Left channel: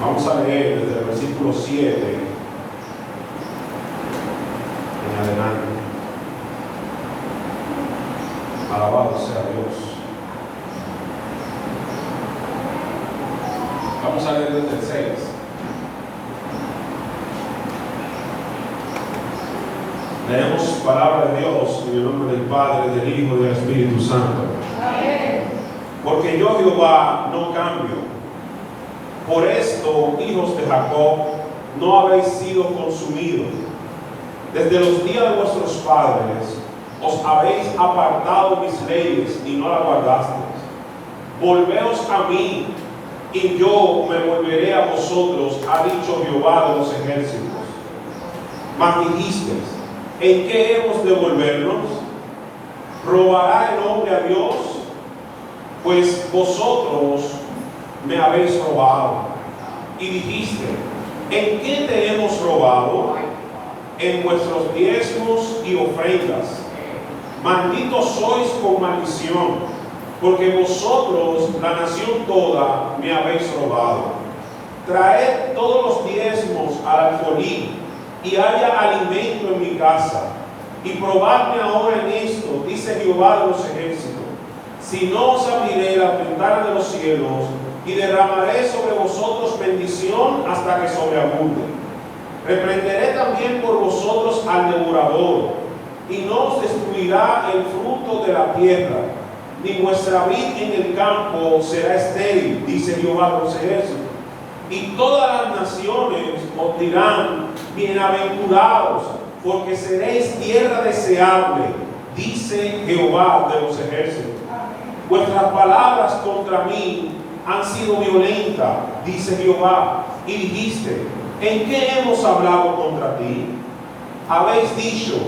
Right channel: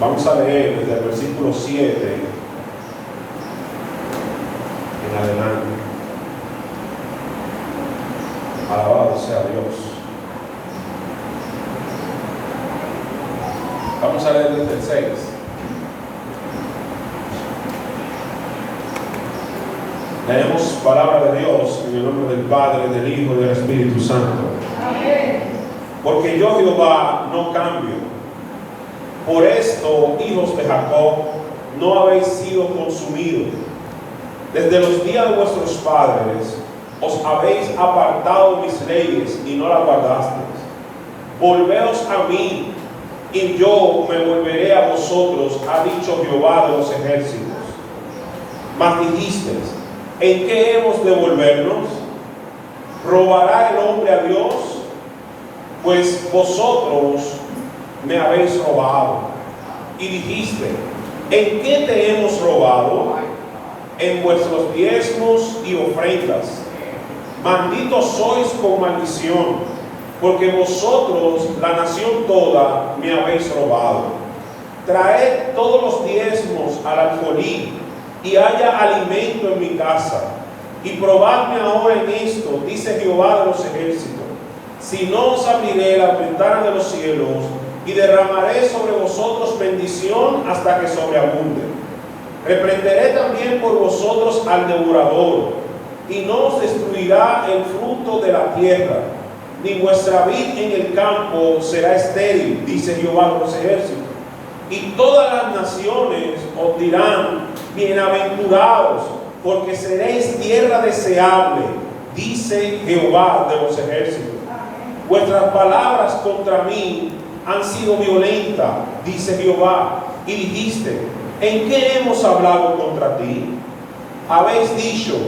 Vamos a leer desde el versículo 7 en adelante. Alabado sea Dios. Vamos a leer desde el 6. Leemos palabra de Dios en el nombre del Padre, del Hijo y del Espíritu Santo. Amén. Porque yo, Jehová, no cambio. Por esto, hijos de Jacob, no habéis sido consumidos. Desde los días de vuestros padres os habéis apartado de mis leyes y no las guardasteis. Volveos a mí, y yo me volveré a vosotros, ha dicho Jehová de los ejércitos. Mas dijisteis: ¿en qué hemos de volvernos? ¿Robará el hombre a Dios? Pues vosotros me habéis robado. Y dijiste: ¿en qué te hemos robado? En vuestros diezmos y ofrendas. Malditos sois con maldición, porque vosotros, la nación toda, me habéis robado. Traed todos los diezmos al alfolí, y haya alimento en mi casa. Y probadme ahora en esto, dice Jehová de los ejércitos, si no os abriré la ventana de los cielos, y derramaré sobre vosotros bendición hasta que sobreabunde. Reprenderé también por vosotros al devorador, y no os destruirá el fruto de la tierra, ni vuestra vid en el campo será estéril, dice Jehová de los ejércitos. Y todas las naciones os dirán: bienaventurados, porque seréis tierra deseable, dice Jehová de los ejércitos. Vuestras palabras contra mí han sido violentas, dice Jehová, y dijiste: ¿en qué hemos hablado contra ti? Habéis dicho:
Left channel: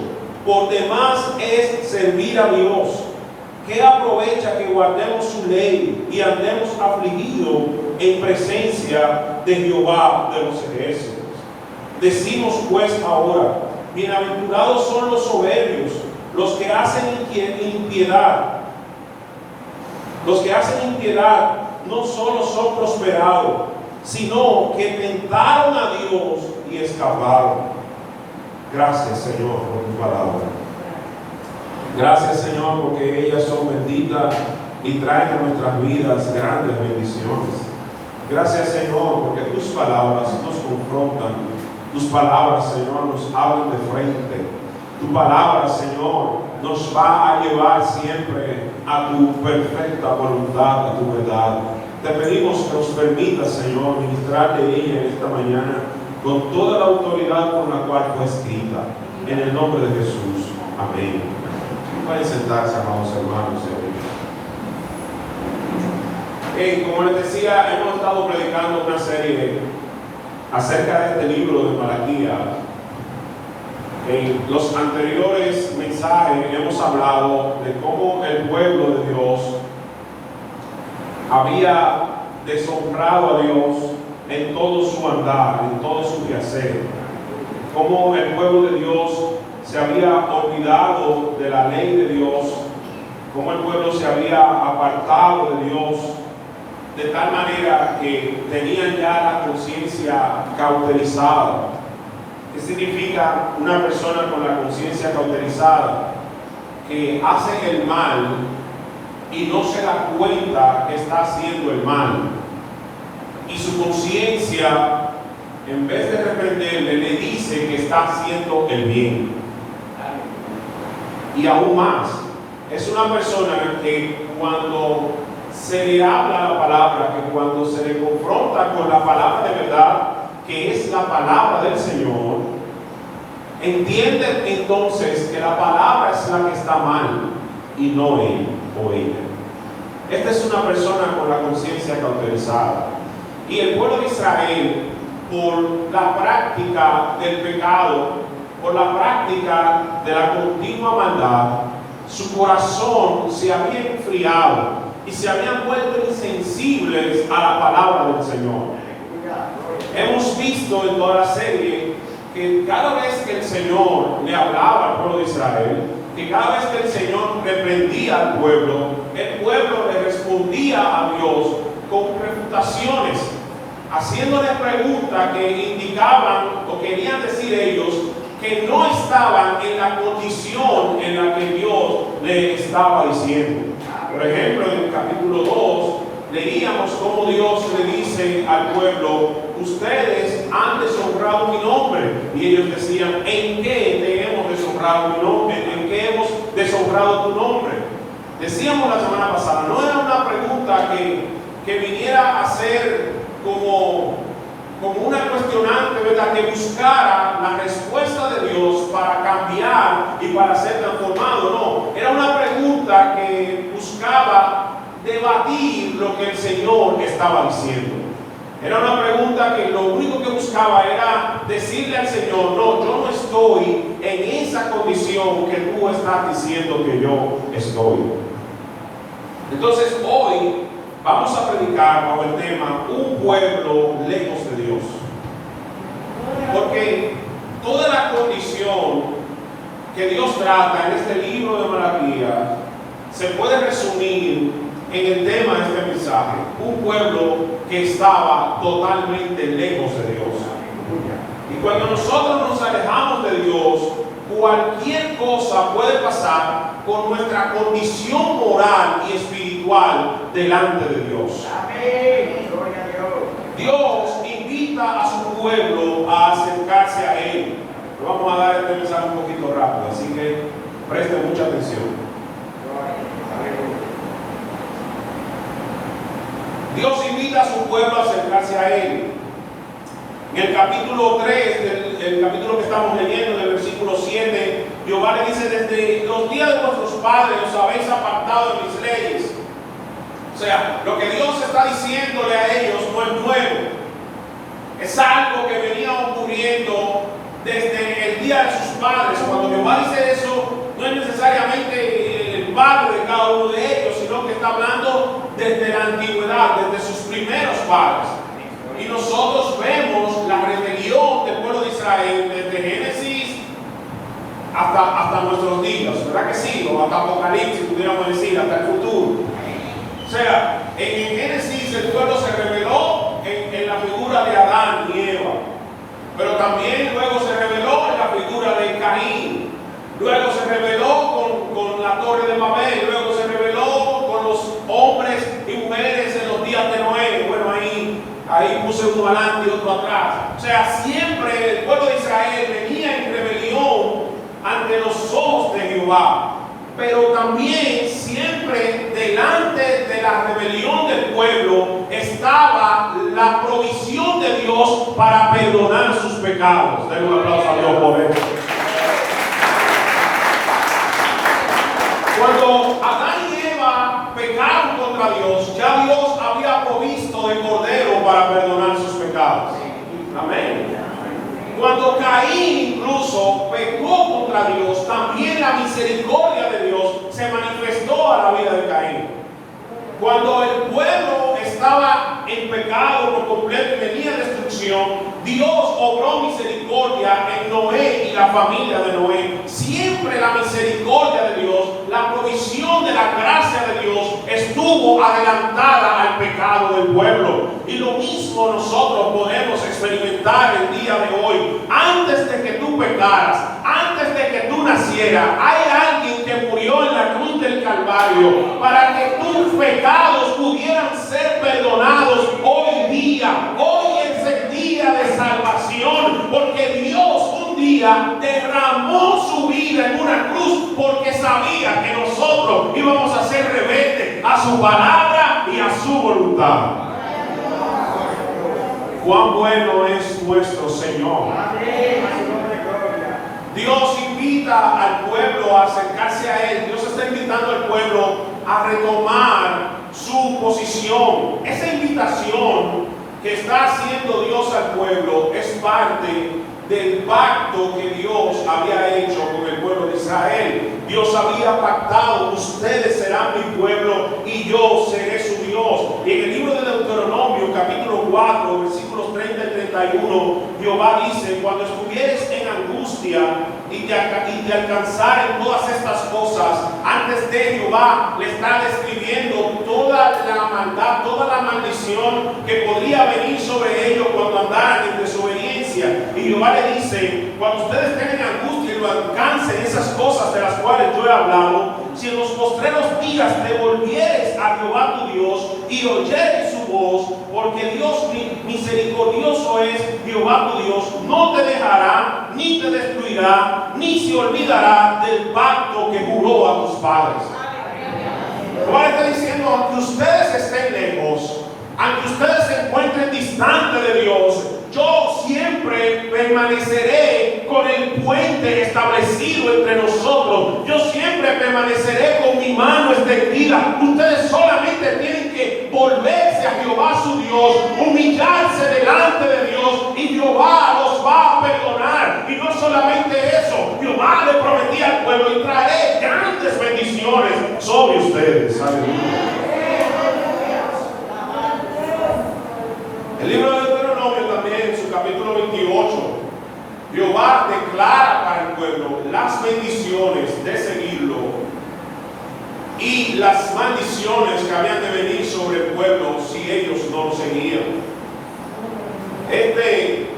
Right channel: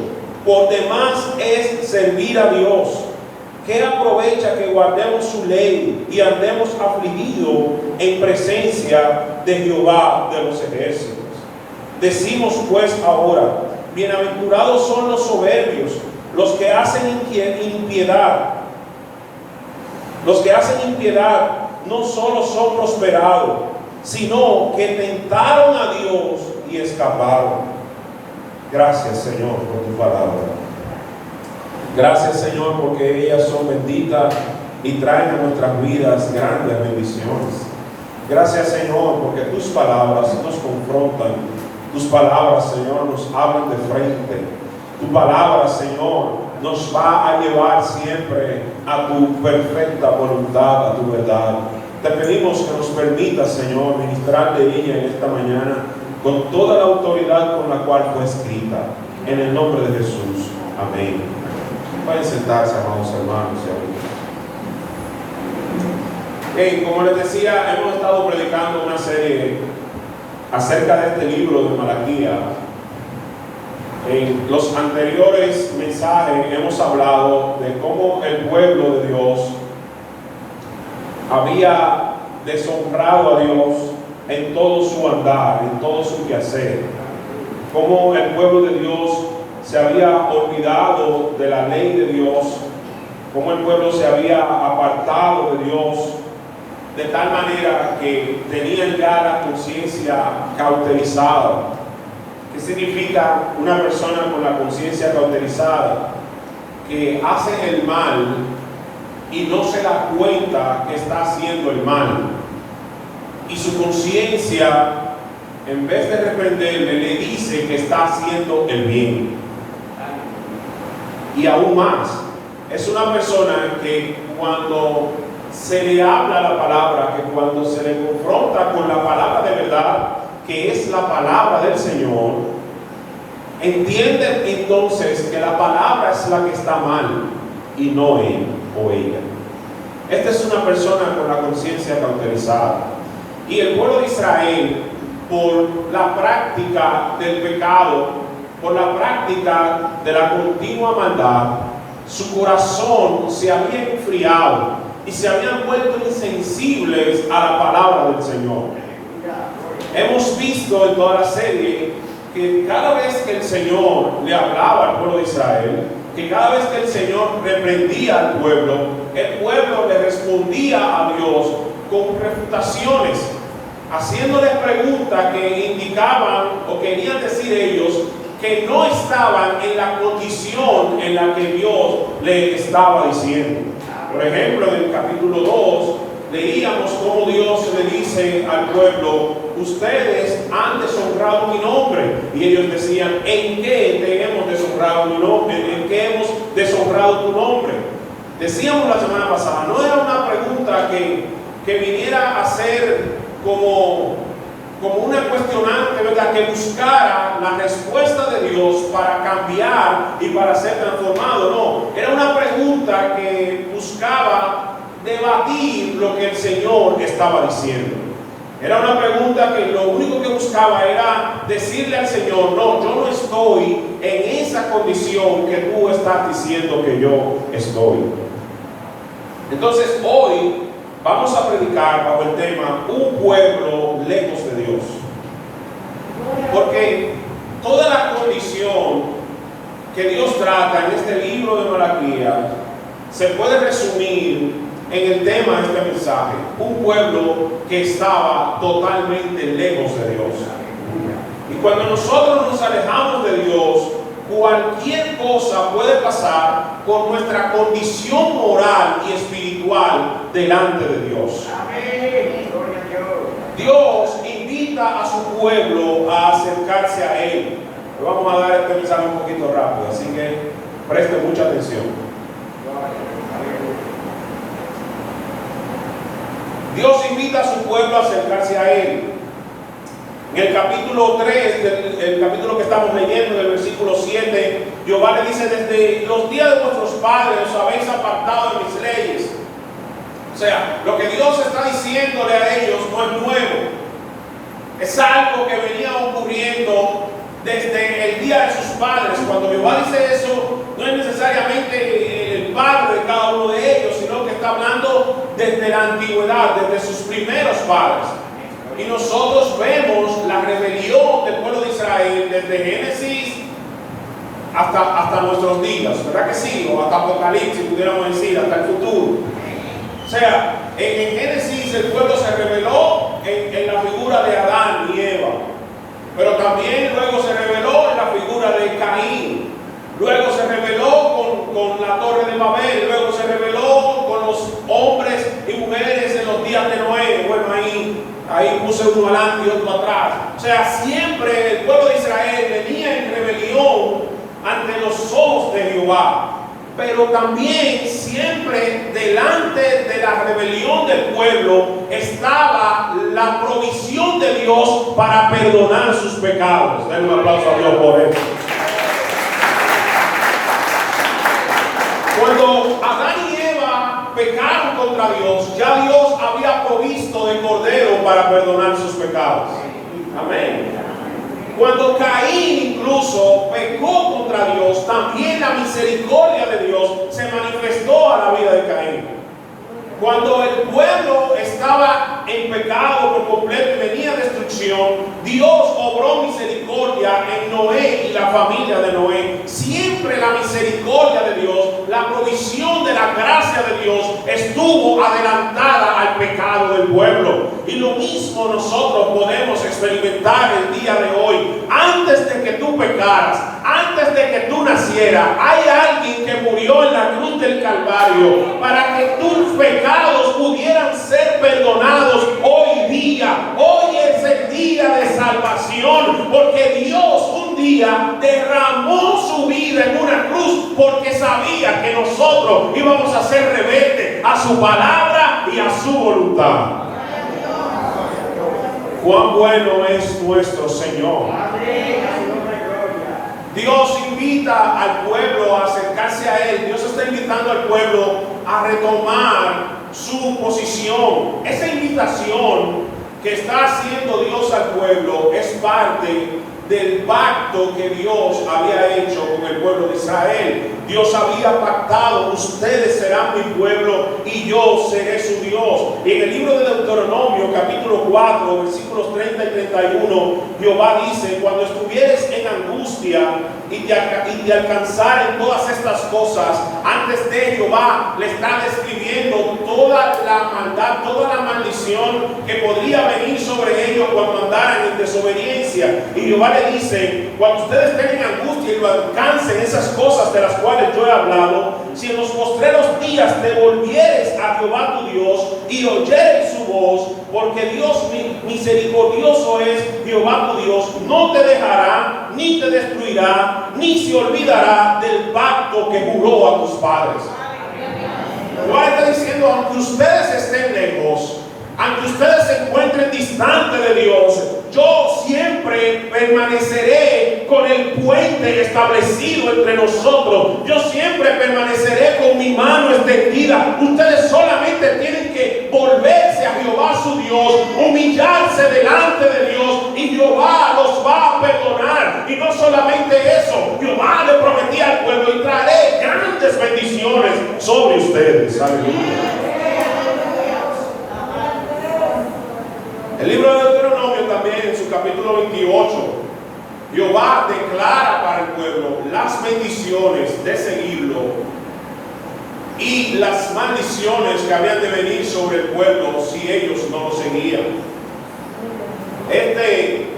por demás es servir a Dios. ¿Qué aprovecha que guardemos su ley y andemos afligidos en presencia de Jehová de los ejércitos? Decimos pues ahora: bienaventurados son los soberbios, los que hacen impiedad. Los que hacen impiedad no solo son prosperados, sino que tentaron a Dios y escaparon. Gracias, Señor, por tu palabra. Gracias, Señor, porque ellas son benditas y traen a nuestras vidas grandes bendiciones. Gracias, Señor, porque tus palabras nos confrontan. Tus palabras, Señor, nos hablan de frente. Tu palabra, Señor, nos va a llevar siempre a tu perfecta voluntad, a tu verdad. Te pedimos que nos permitas, Señor, ministrar de ella en esta mañana con toda la autoridad con la cual fue escrita. En el nombre de Jesús. Amén. Pueden sentarse, amados hermanos y amigos. Como les decía, hemos estado predicando una serie acerca de este libro de Malaquías. En los anteriores mensajes hemos hablado de cómo el pueblo de Dios había deshonrado a Dios en todo su andar, en todo su quehacer. Cómo el pueblo de Dios se había olvidado de la ley de Dios, cómo el pueblo se había apartado de Dios, de tal manera que tenían ya la conciencia cauterizada. ¿Qué significa una persona con la conciencia cauterizada? Que hace el mal y no se da cuenta que está haciendo el mal. Y su conciencia, en vez de reprenderle, le dice que está haciendo el bien. Y aún más, es una persona que cuando se le habla la palabra, que cuando se le confronta con la palabra de verdad, que es la palabra del Señor, entiende entonces que la palabra es la que está mal y no él o ella. Esta es una persona con la conciencia cauterizada. Y el pueblo de Israel, por la práctica del pecado, por la práctica de la continua maldad, su corazón se había enfriado y se habían vuelto insensibles a la palabra del Señor. Hemos visto en toda la serie que cada vez que el Señor le hablaba al pueblo de Israel, que cada vez que el Señor reprendía al pueblo, el pueblo le respondía a Dios con refutaciones. haciéndoles preguntas que indicaban o querían decir ellos que no estaban en la condición en la que Dios le estaba diciendo. Por ejemplo, en el capítulo 2 leíamos cómo Dios le dice al pueblo: ustedes han deshonrado mi nombre. Y ellos decían: ¿en qué te hemos deshonrado mi nombre? ¿En qué hemos deshonrado tu nombre? Decíamos la semana pasada, no era una pregunta que viniera a ser como una cuestionante, ¿verdad?, que buscara la respuesta de Dios para cambiar y para ser transformado. No, era una pregunta que buscaba debatir lo que el Señor estaba diciendo. Era una pregunta que lo único que buscaba era decirle al Señor: no, yo no estoy en esa condición que tú estás diciendo que yo estoy. Entonces hoy vamos a predicar bajo el tema un pueblo lejos de Dios. Porque toda la condición que Dios trata en este libro de Malaquías se puede resumir en el tema de este mensaje: un pueblo que estaba totalmente lejos de Dios. Y cuando nosotros nos alejamos de Dios, cualquier cosa puede pasar con nuestra condición moral y espiritual delante de Dios. Dios invita a su pueblo a acercarse a Él. Le vamos a dar este mensaje un poquito rápido, así que preste mucha atención. Dios invita a su pueblo a acercarse a Él. En el capítulo 3, el capítulo que estamos leyendo, del versículo 7, Jehová le dice: desde los días de vuestros padres os habéis apartado de mis leyes. O sea, lo que Dios está diciéndole a ellos no es nuevo. Es algo que venía ocurriendo desde el día de sus padres. Cuando Jehová dice eso, no es necesariamente el padre de cada uno de ellos, sino que está hablando desde la antigüedad, desde sus primeros padres. Y nosotros vemos la rebelión del pueblo de Israel desde Génesis hasta nuestros días, ¿verdad que sí? O hasta Apocalipsis, pudiéramos decir, hasta el futuro. O sea, en Génesis el pueblo se rebeló en la figura de Adán y Eva, pero también luego se rebeló en la figura de Caín, luego se rebeló con la torre de Babel, luego se rebeló con los hombres y mujeres en los días de Noé. Bueno, ahí puse uno adelante y otro atrás. O sea, siempre el pueblo de Israel venía en rebelión ante los ojos de Jehová. Pero también siempre delante de la rebelión del pueblo estaba la provisión de Dios para perdonar sus pecados. Denle un aplauso a Dios por eso. Cuando Adán y Eva pecaron contra Dios, ya Dios había provisto de cordero para perdonar sus pecados. Amén. Cuando Caín incluso pecó contra Dios, también la misericordia de Dios se manifestó a la vida de Caín. Cuando el pueblo estaba en pecado por completo y venía destrucción, Dios obró misericordia en Noé y la familia de Noé. Siempre la misericordia de Dios, la provisión de la gracia de Dios estuvo adelantada al pecado del pueblo. Y lo mismo nosotros podemos experimentar el día de hoy. Antes de que tú pecaras, antes de que tú nacieras, hay alguien que murió en la cruz del Calvario para que tus pecados pudieran ser perdonados hoy día. Hoy es el día de salvación, porque Dios un día derramó su vida en una cruz porque sabía que nosotros íbamos a ser rebeldes a su palabra y a su voluntad. Cuán bueno es nuestro Señor. Dios invita al pueblo a acercarse a Él. Dios está invitando al pueblo a retomar su posición. Esa invitación que está haciendo Dios al pueblo es parte del pacto que Dios había hecho con el pueblo de Israel. Dios había pactado: ustedes serán mi pueblo y yo seré su Dios. Y en el libro de Deuteronomio capítulo 4 4, versículos 30 y 31, Jehová dice: cuando estuvieres en angustia y te alcanzaren todas estas cosas, antes de Jehová le está describiendo toda la maldad, toda la maldición que podría venir sobre ellos cuando andaran en desobediencia. Y Jehová le dice: cuando ustedes estén en angustia y lo alcancen esas cosas de las cuales yo he hablado, si en los postreros días te volvieres a Jehová tu Dios y oyeres su voz, porque Dios misericordioso es Jehová tu Dios, no te dejará, ni te destruirá, ni se olvidará del pacto que juró a tus padres. Jehová está diciendo: aunque ustedes estén lejos, aunque ustedes se encuentren distantes de Dios, yo siempre permaneceré con el puente establecido entre nosotros. Yo siempre permaneceré con mi mano extendida. Ustedes solamente tienen que volverse a Jehová su Dios, humillarse delante de Dios, y Jehová los va a perdonar. Y no solamente eso, Jehová le prometía al pueblo: y traeré grandes bendiciones sobre ustedes. Aleluya. El libro de Deuteronomio también, en su capítulo 28, Jehová declara para el pueblo las bendiciones de seguirlo y las maldiciones que habían de venir sobre el pueblo si ellos no lo seguían. Este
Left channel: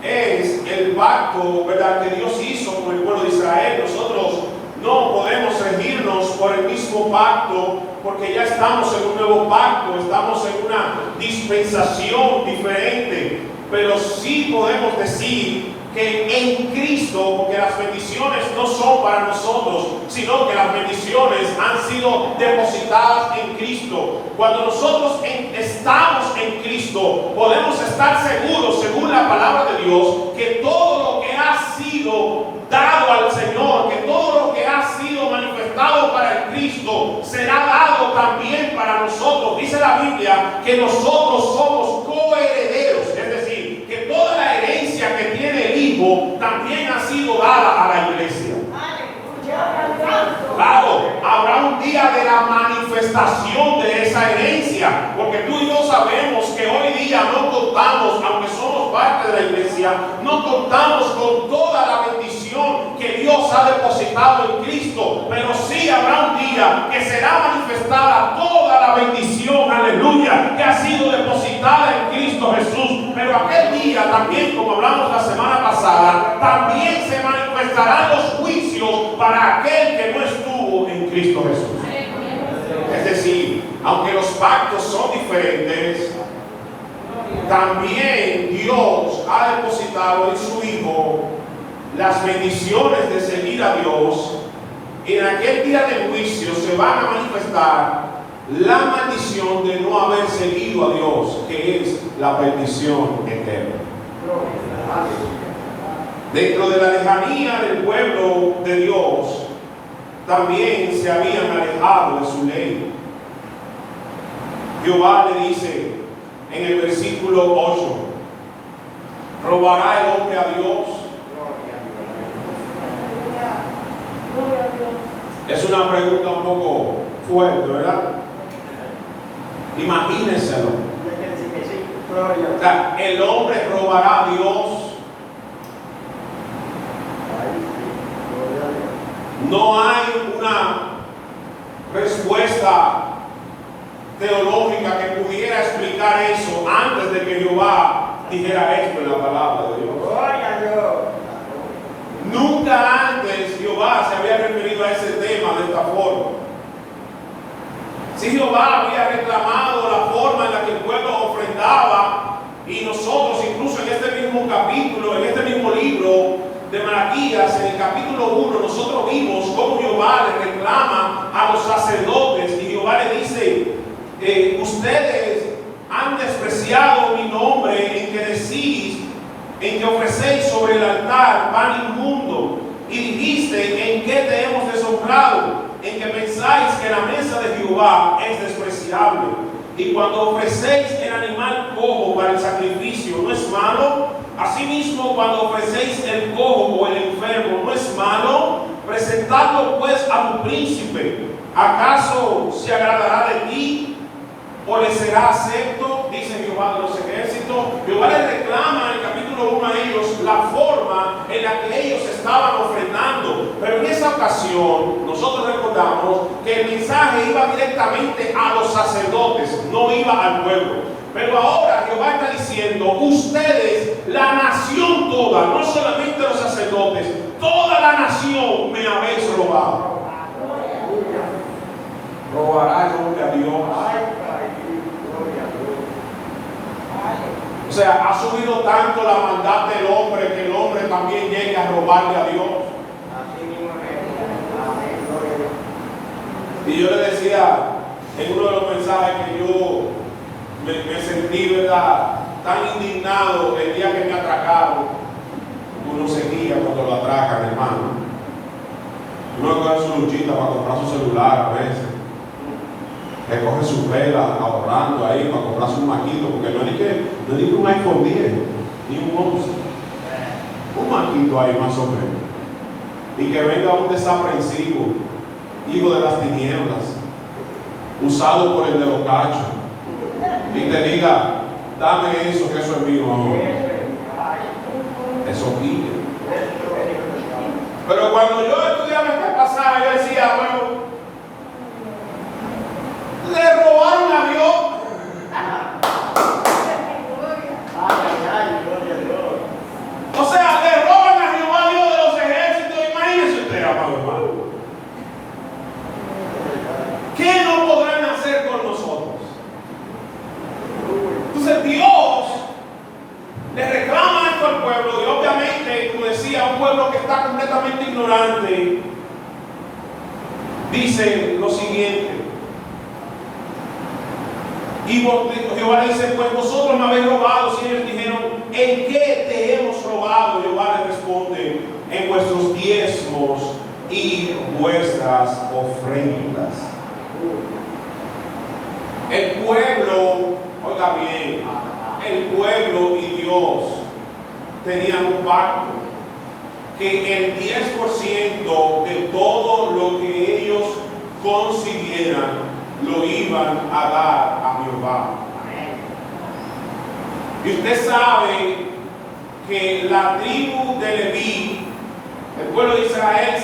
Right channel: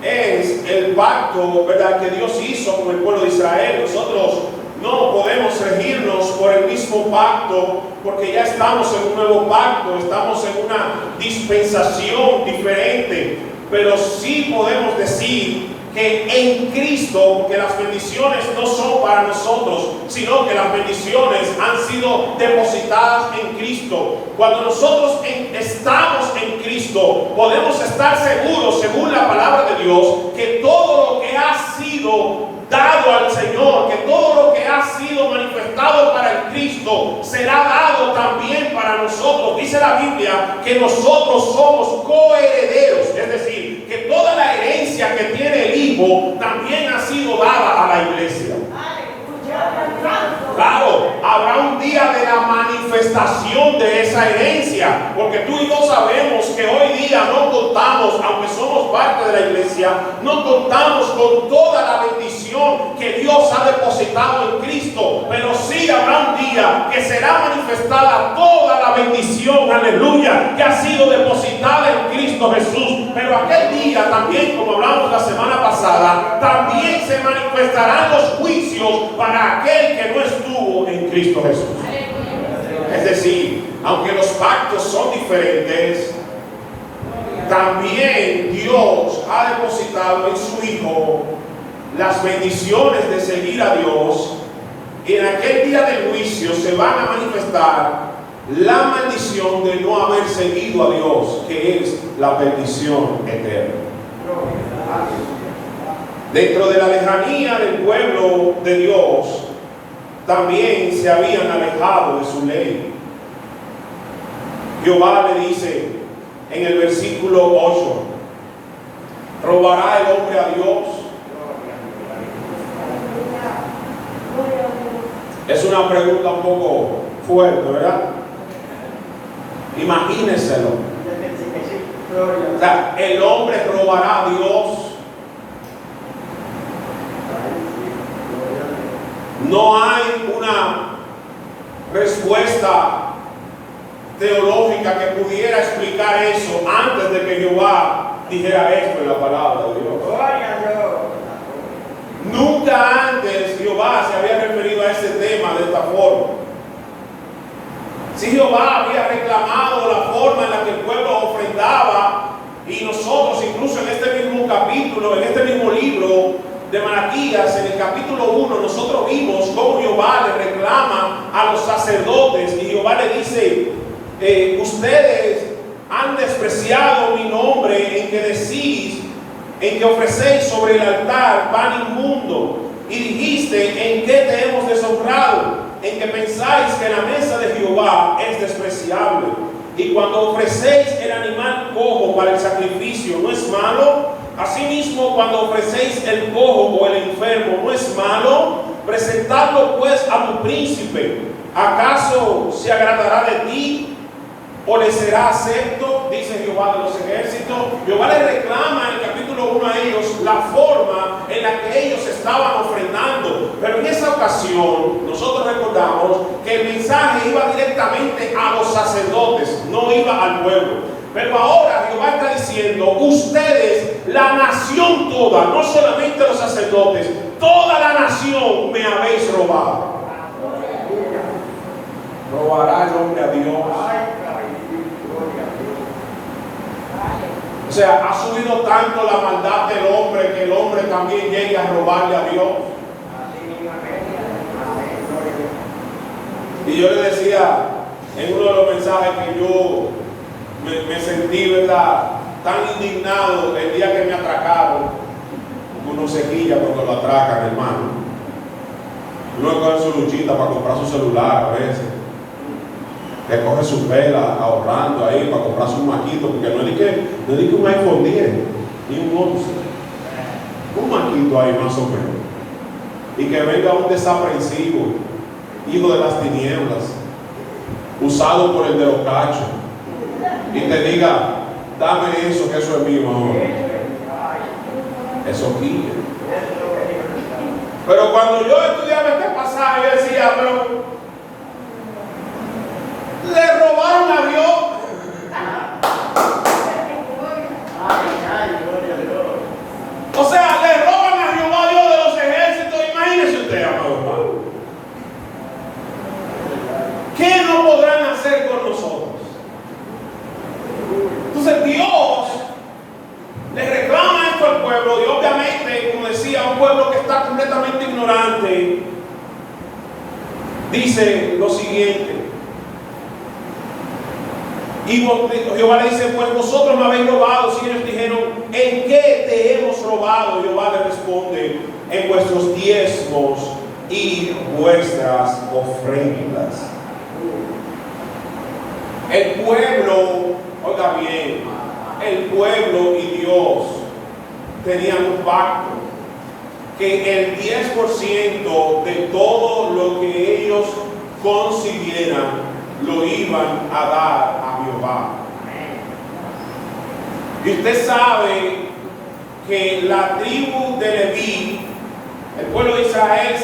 es el pacto, ¿verdad?, que Dios hizo con el pueblo de Israel. Nosotros no podemos regirnos por el mismo pacto, porque ya estamos en un nuevo pacto, estamos en una dispensación diferente, pero sí podemos decir que en Cristo, porque las bendiciones no son para nosotros, sino que las bendiciones han sido depositadas en Cristo. Cuando nosotros estamos en Cristo, podemos estar seguros, según la palabra de Dios, que todo lo que ha sido dado al Señor, que todo lo que ha sido manifestado para el Cristo será dado también para nosotros. Dice la Biblia que nosotros somos coherederos, es decir, que toda la herencia que tiene el Hijo también ha sido dada a la iglesia. Claro, habrá un día de la manifestación de esa herencia, porque tú y yo sabemos que hoy día no contamos, aunque somos parte de la iglesia, no contamos con toda la bendición que Dios ha depositado en Cristo, pero sí habrá un día que será manifestada toda la bendición, aleluya, que ha sido depositada en Cristo Jesús. Pero aquel día también, como hablamos la semana pasada, también se manifestarán los juicios para aquel que no estuvo en Cristo Jesús. Es decir, aunque los pactos son diferentes, también Dios ha depositado en su Hijo las bendiciones de seguir a Dios. Y en aquel día del juicio se van a manifestar la maldición de no haber seguido a Dios, que es la bendición eterna. Dentro de la lejanía del pueblo de Dios, también se habían alejado de su ley. Jehová le dice en el versículo 8: ¿robará el hombre a Dios? Es una pregunta un poco fuerte, ¿verdad? Imagínenselo. O sea, ¿el hombre robará a Dios? No hay una respuesta teológica que pudiera explicar eso antes de que Jehová dijera esto en la palabra de Dios. Nunca antes Jehová se había referido a ese tema de esta forma. Si Jehová había reclamado la forma en la que el pueblo ofrendaba, y nosotros incluso en este mismo capítulo, en este mismo libro de Malaquías, en el capítulo 1, nosotros vimos cómo Jehová le reclama a los sacerdotes, y Jehová le dice: ustedes han despreciado mi nombre en que decís, en que ofrecéis sobre el altar pan inmundo, y dijiste: ¿en qué te hemos deshonrado? En que pensáis que la mesa de Jehová es despreciable. Y cuando ofrecéis el animal cojo para el sacrificio, ¿no es malo? Asimismo, cuando ofrecéis el cojo o el enfermo, ¿no es malo? Presentadlo pues a tu príncipe. ¿Acaso se agradará de ti o le será acepto? Dice Jehová de los ejércitos. ejército, Jehová les reclama en el capítulo 1 a ellos la forma en la que ellos estaban ofrendando. Pero en esa ocasión nosotros recordamos que el mensaje iba directamente a los sacerdotes, no iba al pueblo. Pero ahora Jehová está diciendo: ustedes, la nación toda, no solamente los sacerdotes, toda la nación me habéis robado. ¿Robará el hombre a Dios? O sea, ha subido tanto la maldad del hombre que el hombre también llegue a robarle a Dios. Y yo le decía en uno de los mensajes que yo me sentí, ¿verdad?, tan indignado el día que me atracaron. Uno se guía cuando lo atracan, hermano. Uno coge su luchita para comprar su celular a veces. Recoge su vela ahorrando ahí para comprarse un maquito, porque no es que un iPhone 10 ni un 11, un maquito ahí más o menos, y que venga un desaprensivo, hijo de las tinieblas, usado por el de los cachos, y te diga: dame eso, que eso es mío ahora. Eso guía. Pero cuando yo estudiaba este pasaje, yo decía: bueno, le robaron a Dios. O sea, le roban a Jehová, Dios de los ejércitos. Imagínese usted, amado hermano. ¿Qué no podrán hacer con nosotros? Entonces Dios le reclama esto al pueblo, y obviamente, como decía, un pueblo que está completamente ignorante, dice lo siguiente. Y Jehová le dice: pues vosotros me habéis robado. Si ellos dijeron: ¿en qué te hemos robado? Jehová le responde: en vuestros diezmos y vuestras ofrendas. El pueblo, oiga bien, el pueblo y Dios tenían un pacto, que el 10% de todo lo que ellos consiguieran lo iban a dar a Jehová. Y usted sabe que la tribu de Leví, el pueblo de Israel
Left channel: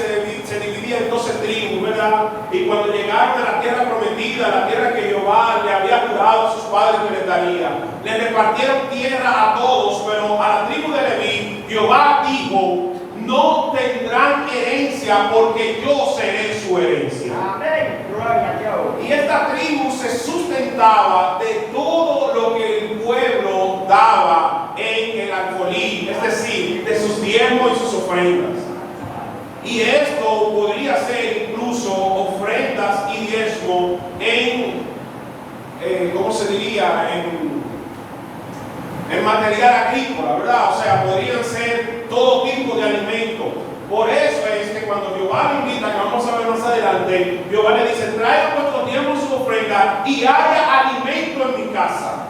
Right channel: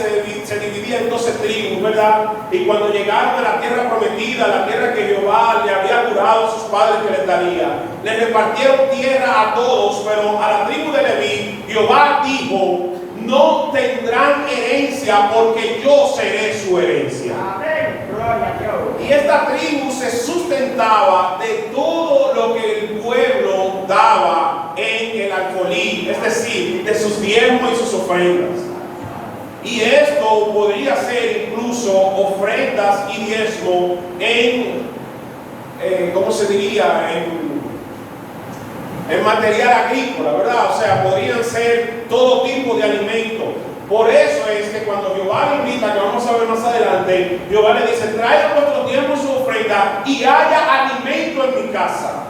se dividía en 12 tribus, ¿verdad? Y cuando llegaron a la tierra prometida, la tierra que Jehová le había jurado a sus padres que les daría, les repartieron tierra a todos, pero a la tribu de Leví Jehová dijo: no tendrán herencia, porque yo seré su herencia. Y esta tribu se sustentaba de todo lo que el pueblo daba en el alfolí, es decir, de sus diezmos y sus ofrendas. Y esto podría ser incluso ofrendas y diezmo en, ¿cómo se diría?, en material agrícola, ¿verdad? O sea, podrían ser todo tipo de alimentos. Por eso es que cuando Jehová le invita, que vamos a ver más adelante, Jehová le dice: traigan vuestros diezmos y su ofrenda, y haya alimento en mi casa.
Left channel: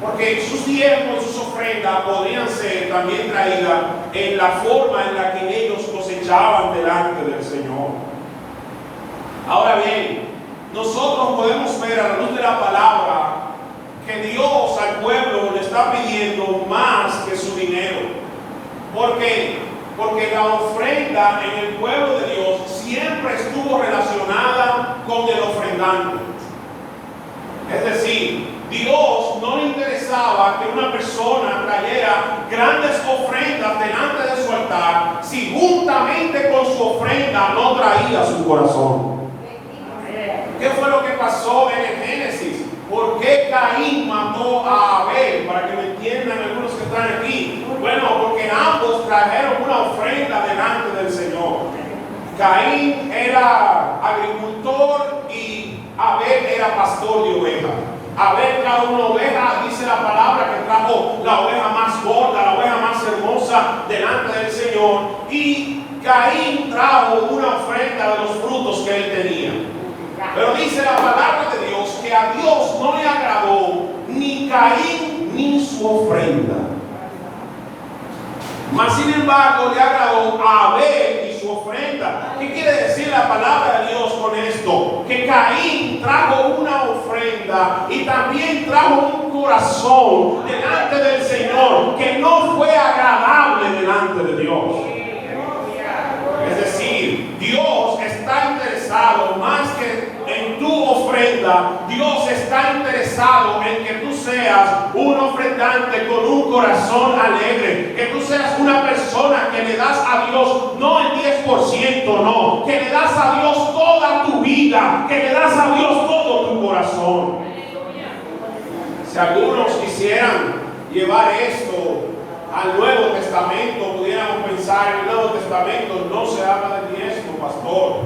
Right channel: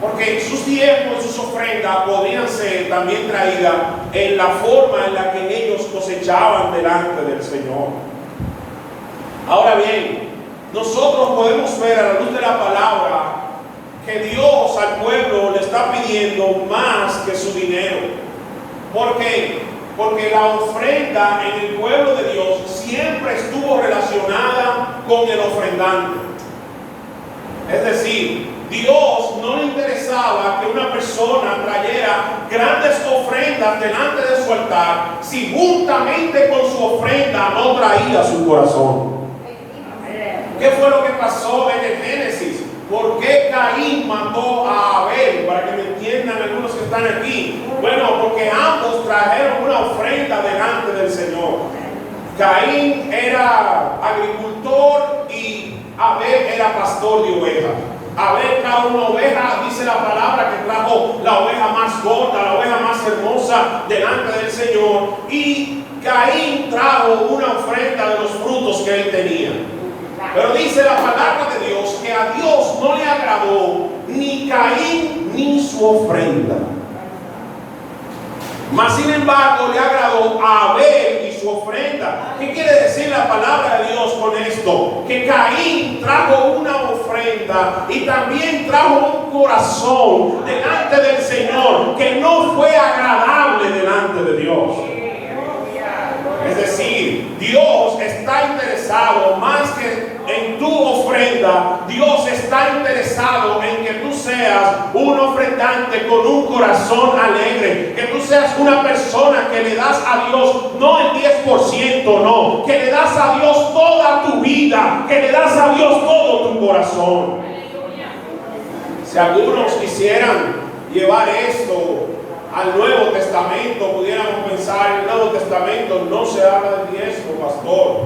Porque sus diezmos y sus ofrendas podrían ser también traídas en la forma en la que ellos cosechaban delante del Señor. Ahora bien, nosotros podemos ver a la luz de la palabra que Dios al pueblo le está pidiendo más que su dinero. ¿Por qué? Porque la ofrenda en el pueblo de Dios siempre estuvo relacionada con el ofrendante. Es decir, Dios no le interesaba que una persona trayera grandes ofrendas delante de su altar si juntamente con su ofrenda no traía su corazón. ¿Qué fue lo que pasó en el Génesis? ¿Por qué Caín mató a Abel? Para que me entiendan algunos que están aquí. Bueno, porque ambos trajeron una ofrenda delante del Señor. Caín era agricultor y Abel era pastor de ovejas. Abel trajo una oveja, dice la palabra que trajo la oveja más gorda, la oveja más hermosa delante del Señor. Y Caín trajo una ofrenda de los frutos que él tenía. Pero dice la palabra de Dios que a Dios no le agradó ni Caín ni su ofrenda. Mas sin embargo le agradó a Abel y su ofrenda. ¿Qué quiere decir la palabra de Dios con esto? Que Caín trajo una ofrenda ofrenda y también trajo un corazón delante del Señor que no fue agradable delante de Dios. Es decir, Dios está interesado más que en tu ofrenda. Dios está interesado en que tú seas un ofrendante con un corazón alegre, que tú seas una persona que le das a Dios no el 10%, no, que le das a Dios toda tu vida, que le das a Dios todo tu corazón. Si algunos quisieran llevar esto al Nuevo Testamento, pudiéramos pensar, el Nuevo Testamento no se habla de diezmo, pastor.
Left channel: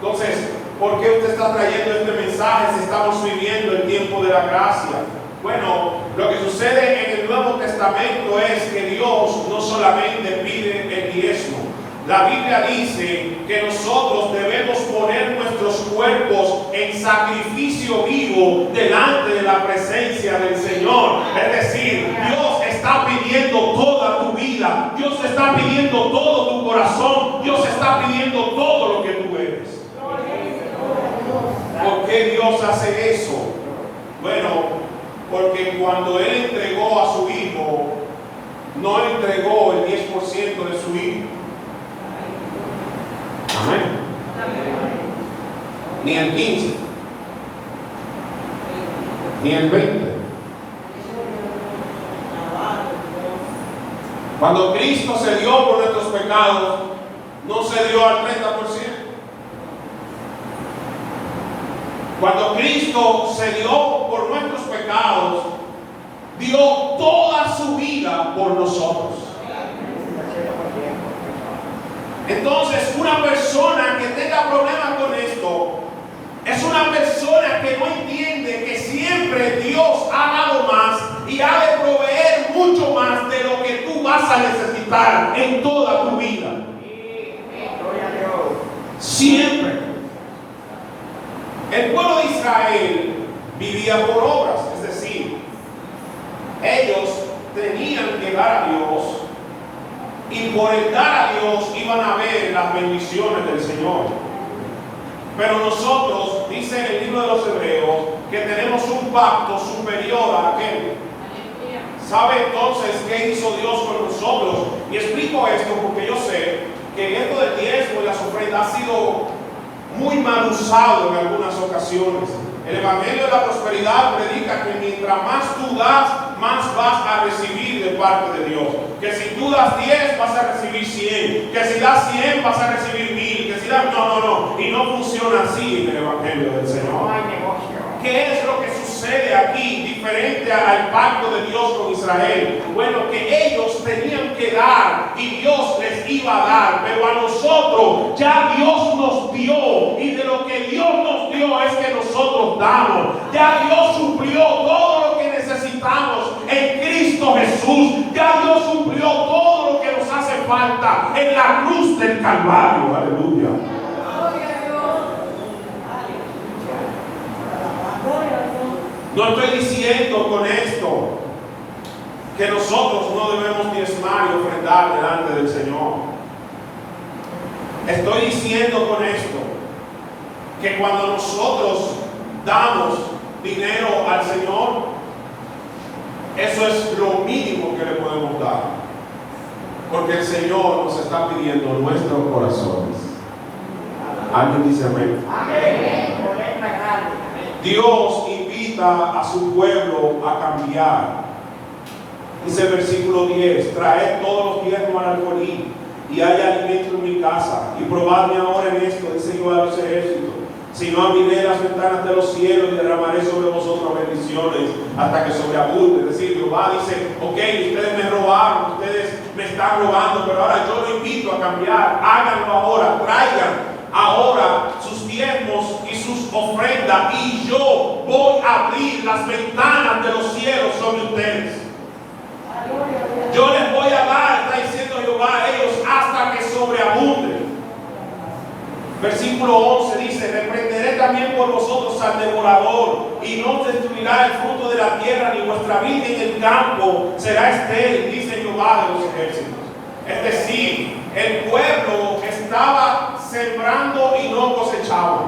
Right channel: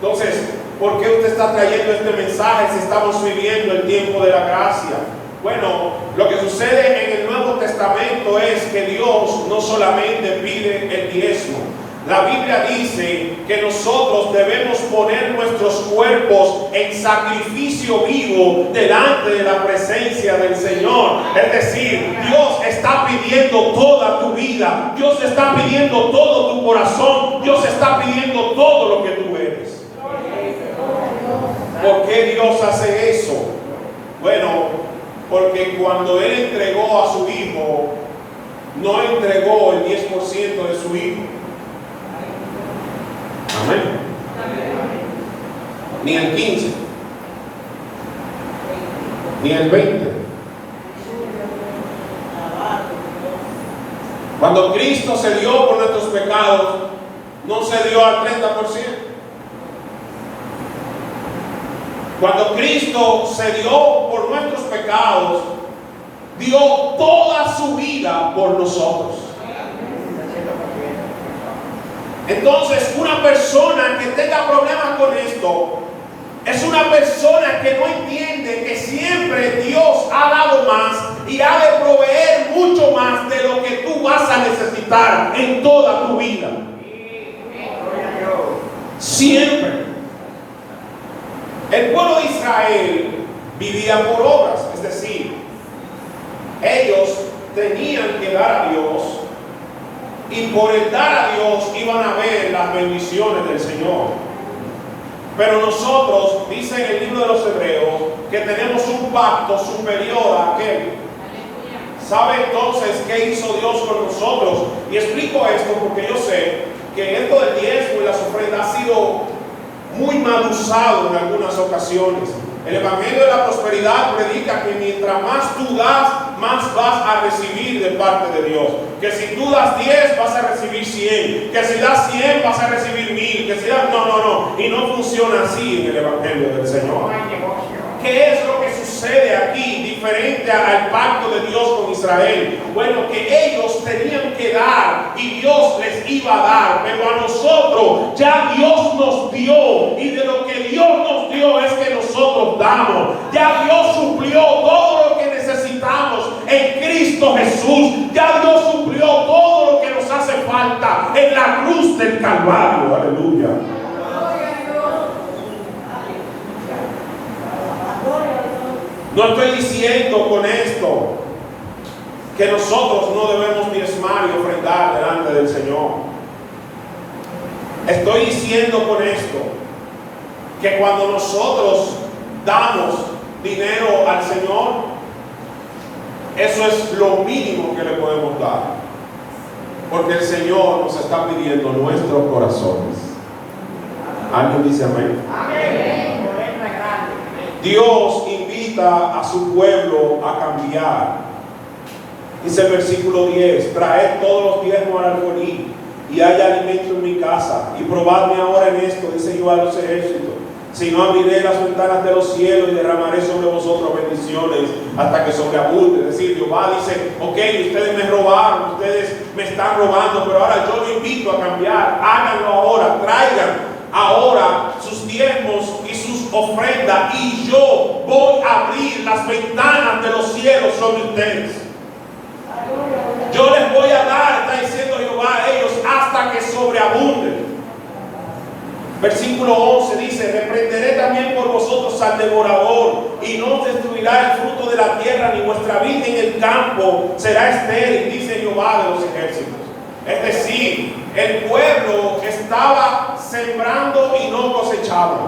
Entonces, ¿por qué usted está trayendo este mensaje si estamos viviendo el tiempo de la gracia? Bueno, lo que sucede en el Nuevo Testamento es que Dios no solamente pide el diezmo. La Biblia dice que nosotros debemos poner nuestros cuerpos en sacrificio vivo delante de la presencia del Señor. Es decir, Dios está pidiendo toda tu vida, Dios está pidiendo todo tu corazón, Dios está pidiendo todo lo que tú eres. ¿Por qué Dios hace eso? Bueno, porque cuando Él entregó a su Hijo, no entregó el 10% de su Hijo. Amén. Ni el 15, ni el 20. Cuando Cristo se dio por nuestros pecados, no se dio al 30%. Cuando Cristo se dio por nuestros pecados, dio toda su vida por nosotros. Entonces, una persona que tenga problemas con esto es una persona que no entiende que siempre Dios ha dado más y ha de proveer mucho más de lo que tú vas a necesitar en toda tu vida. Siempre. El pueblo de Israel vivía por obras, es decir, ellos tenían que dar a Dios. Y por el dar a Dios iban a ver las bendiciones del Señor. Pero nosotros, dice en el libro de los Hebreos, que tenemos un pacto superior a aquel. ¿Sabe entonces qué hizo Dios con nosotros? Y explico esto porque yo sé que esto del diezmo y las ofrendas ha sido muy mal usado en algunas ocasiones. El Evangelio de la Prosperidad predica que mientras más tú das, más vas a recibir de parte de Dios. Que si tú das 10, vas a recibir 100. Que si das 100, vas a recibir 1000. Que si das... No. Y no funciona así en el Evangelio del Señor. ¿Qué es lo que sucede aquí diferente al pacto de Dios con Israel? Bueno, que ellos tenían que dar y Dios les iba a dar, pero a nosotros ya Dios nos dio, y de lo que Dios nos dio es que nosotros damos. Ya Dios suplió todo lo que necesitamos en Cristo Jesús. Ya Dios suplió todo lo que nos hace falta en la cruz del Calvario. Aleluya. No estoy diciendo con esto que nosotros no debemos diezmar y ofrendar delante del Señor. Estoy diciendo con esto que cuando nosotros damos dinero al Señor, eso es lo mínimo que le podemos dar. Porque el Señor nos está pidiendo nuestros corazones. ¿Alguien dice amén? Amén. Dios invita a su pueblo a cambiar. Dice el versículo 10: traed todos los diezmos al alfolí y haya alimento en mi casa, y probadme ahora en esto, dice Jehová de los ejércitos, si no abriré las ventanas de los cielos y derramaré sobre vosotros bendiciones hasta que sobreabunde. Es decir, Jehová dice: ok, ustedes me robaron, ustedes me están robando, pero ahora yo los invito a cambiar. Háganlo ahora, traigan ahora sus diezmos y sus ofrendas, y yo voy a abrir las ventanas de los cielos sobre ustedes. Yo les voy a dar, está diciendo Jehová, a ellos hasta que sobreabunden. Versículo 11 dice: reprenderé también por vosotros al devorador, y no destruirá el fruto de la tierra, ni vuestra vid en el campo será estéril, dice Jehová de los ejércitos. Es decir, el pueblo estaba sembrando y no cosechaba.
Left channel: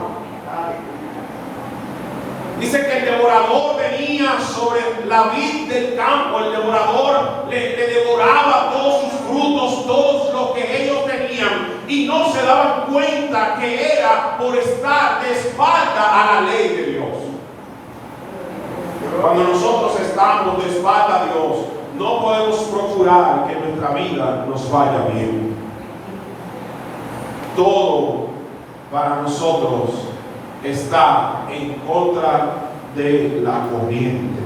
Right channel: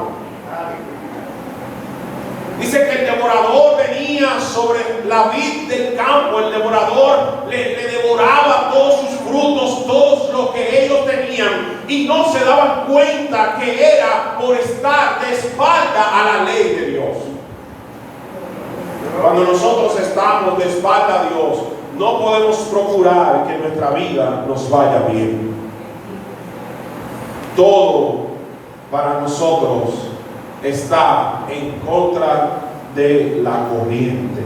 Dice que el devorador venía sobre la vid del campo, el devorador le devoraba todos sus frutos, todos los que ellos tenían, y no se daban cuenta que era por estar de espalda a la ley de Dios. Cuando nosotros estamos de espalda a Dios, no podemos procurar que nuestra vida nos vaya bien. Todo para nosotros está en contra de la corriente.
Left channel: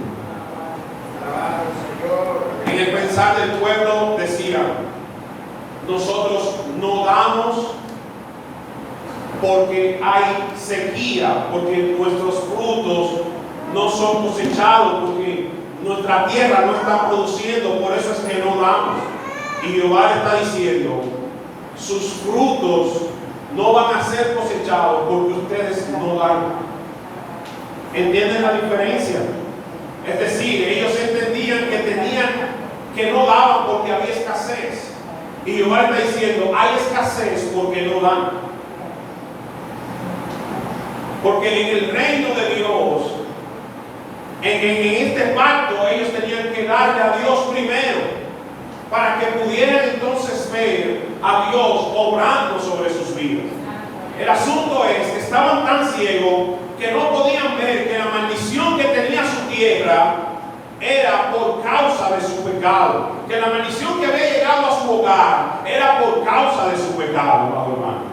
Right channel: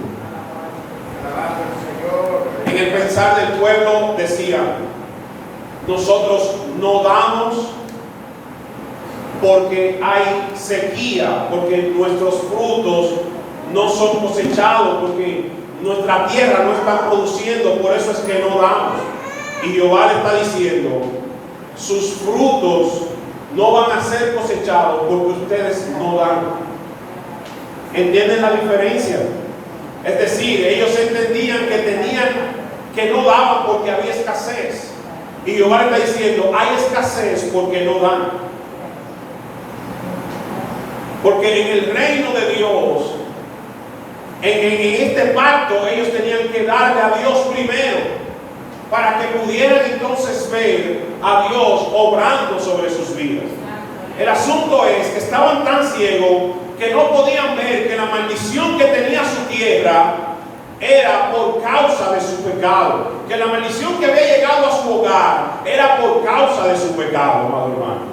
En el pensar del pueblo decía: nosotros no damos porque hay sequía, porque nuestros frutos no son cosechados, porque nuestra tierra no está produciendo, por eso es que no damos. Y Jehová le está diciendo: sus frutos no van a ser cosechados porque ustedes no dan. ¿Entienden la diferencia? Es decir, ellos entendían que no daban porque había escasez. Y Jehová le está diciendo: hay escasez porque no dan. Porque en el reino de Dios, en este pacto, ellos tenían que darle a Dios primero, para que pudieran entonces ver a Dios obrando sobre sus vidas. El asunto es que estaban tan ciegos que no podían ver que la maldición que tenía su tierra era por causa de su pecado, que la maldición que había llegado a su hogar era por causa de su pecado, amado hermano.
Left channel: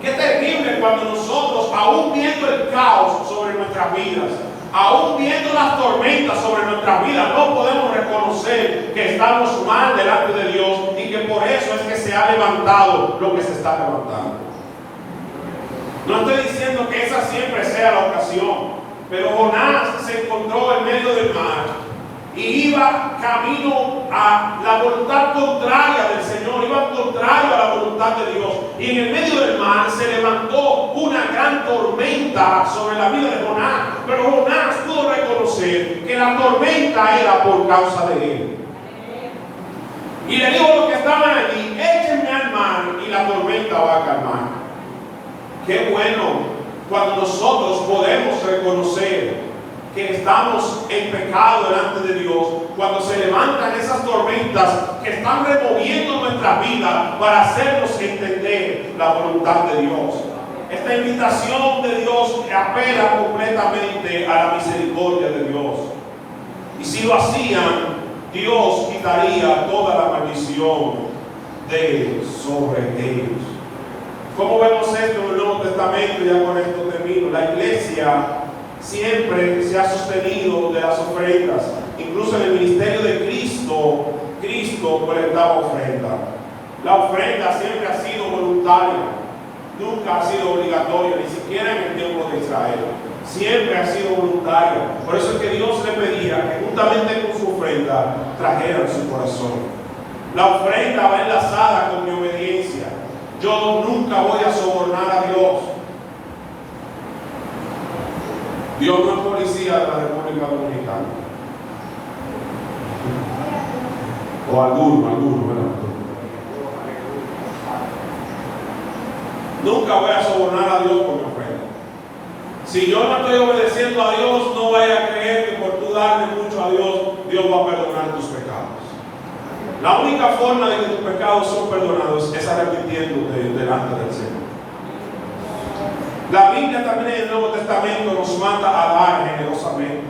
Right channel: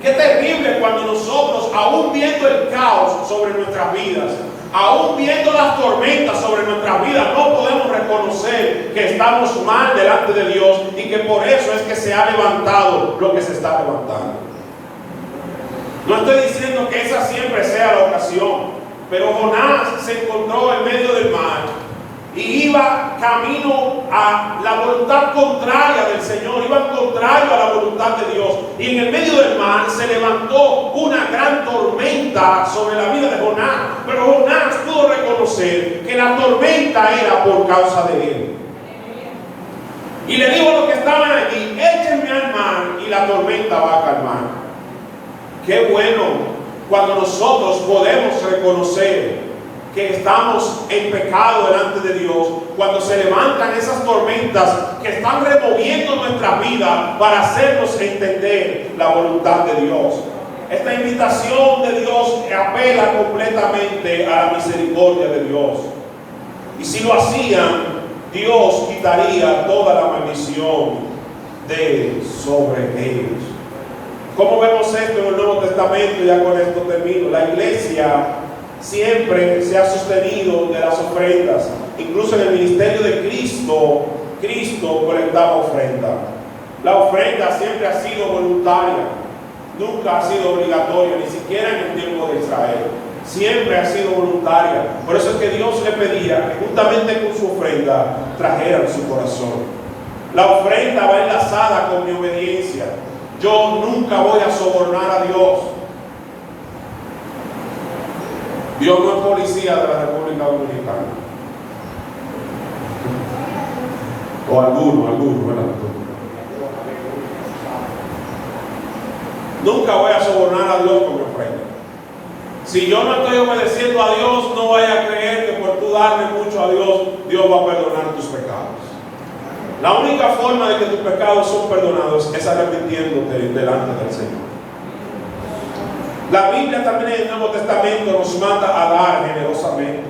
Qué terrible cuando nosotros, aún viendo el caos sobre nuestras vidas, aún viendo las tormentas sobre nuestras vidas, no podemos reconocer que estamos mal delante de Dios y que por eso es que se ha levantado lo que se está levantando. No estoy diciendo que esa siempre sea la ocasión, pero Jonás se encontró en medio del mar y iba camino a la voluntad contraria del Señor, iba contrario a la voluntad de Dios, y en el medio del mar se levantó una gran tormenta sobre la vida de Jonás, pero Jonás pudo reconocer que la tormenta era por causa de él. Y le dijo a los que estaban allí: échenme al mar y la tormenta va a calmar. Qué bueno cuando nosotros podemos reconocer que estamos en pecado delante de Dios, cuando se levantan esas tormentas que están removiendo nuestra vida para hacernos entender la voluntad de Dios. Esta invitación de Dios apela completamente a la misericordia de Dios. Y si lo hacían, Dios quitaría toda la maldición de sobre ellos. ¿Cómo vemos esto en el Nuevo Testamento? Ya con esto termino. La iglesia siempre se ha sostenido de las ofrendas. Incluso en el ministerio de Cristo colectaba ofrenda. La ofrenda siempre ha sido voluntaria, nunca ha sido obligatoria, ni siquiera en el tiempo de Israel. Siempre ha sido voluntaria. Por eso es que Dios le pedía que juntamente con su ofrenda trajeran su corazón. La ofrenda va enlazada con mi obediencia. Yo nunca voy a sobornar a Dios. Dios no es policía de la República Dominicana. O alguno, ¿verdad? Nunca voy a sobornar a Dios con mi ofrenda. Si yo no estoy obedeciendo a Dios, no vaya a creer que por tú darle mucho a Dios, Dios va a perdonar tus pecados. La única forma de que tus pecados son perdonados es arrepintiéndote delante del Señor. La Biblia también en el Nuevo Testamento nos manda a dar generosamente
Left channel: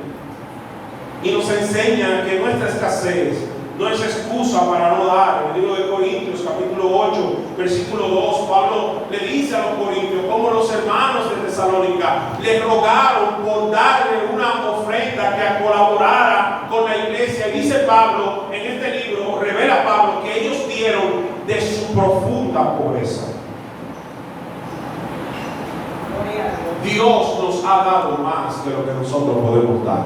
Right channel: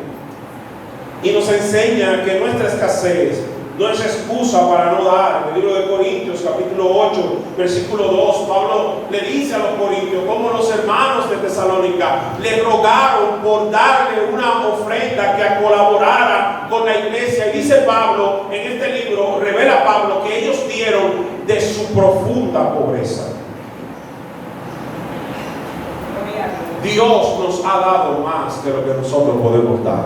y nos enseña que nuestra escasez no es excusa para no dar. En el libro de Corintios capítulo 8 versículo 2, Pablo le dice a los corintios cómo los hermanos de Tesalónica le rogaron por darle una ofrenda que colaborara con la iglesia, y dice Pablo en este libro, revela Pablo que ellos dieron de su profunda pobreza. Dios nos ha dado más que lo que nosotros podemos dar.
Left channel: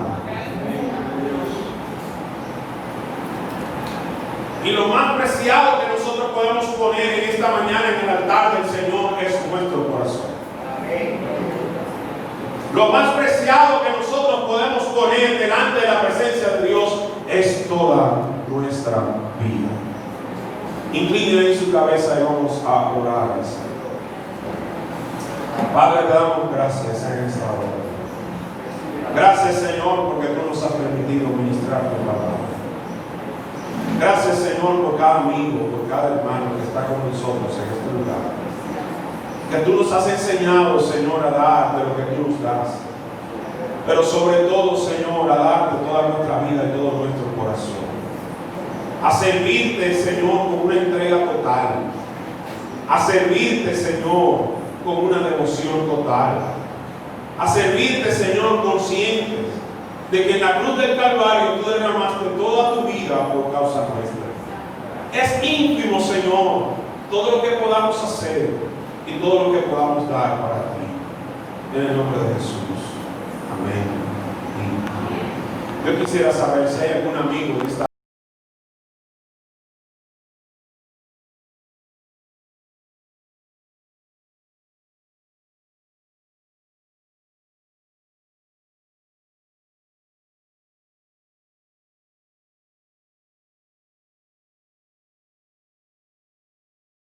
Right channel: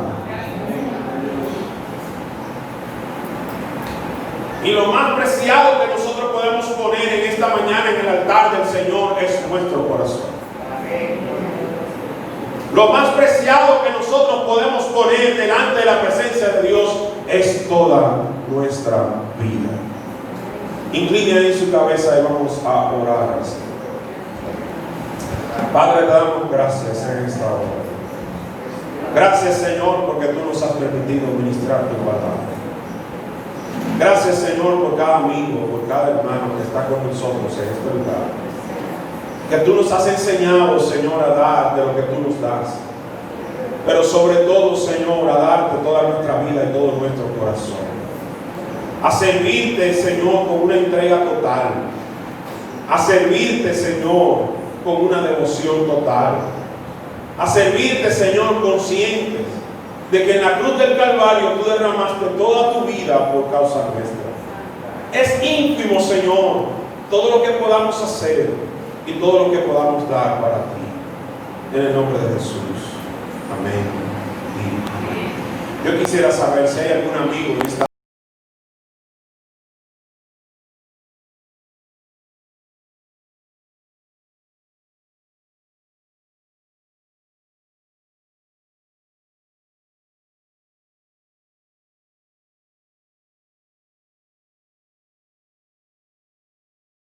Y lo más preciado que nosotros podemos poner en esta mañana en el altar del Señor es nuestro corazón. Lo más preciado que nosotros podemos poner delante de la presencia de Dios es toda nuestra vida. Incline en su cabeza y vamos a orar al Señor. Padre, te damos gracias en esta hora. Gracias, Señor, porque tú nos has permitido ministrar tu palabra. Gracias, Señor, por cada amigo, por cada hermano que está con nosotros en este lugar. Que tú nos has enseñado, Señor, a dar de lo que tú nos das. Pero sobre todo, Señor, a darte toda nuestra vida y todo nuestro corazón. A servirte, Señor, con una entrega total. A servirte, Señor, con una devoción total. A servirte, Señor, conscientes de que en la cruz del Calvario tú derramaste toda tu vida por causa nuestra. Es íntimo, Señor, todo lo que podamos hacer y todo lo que podamos dar para ti. En el nombre de Jesús. Amén. Yo quisiera saber si hay algún amigo que está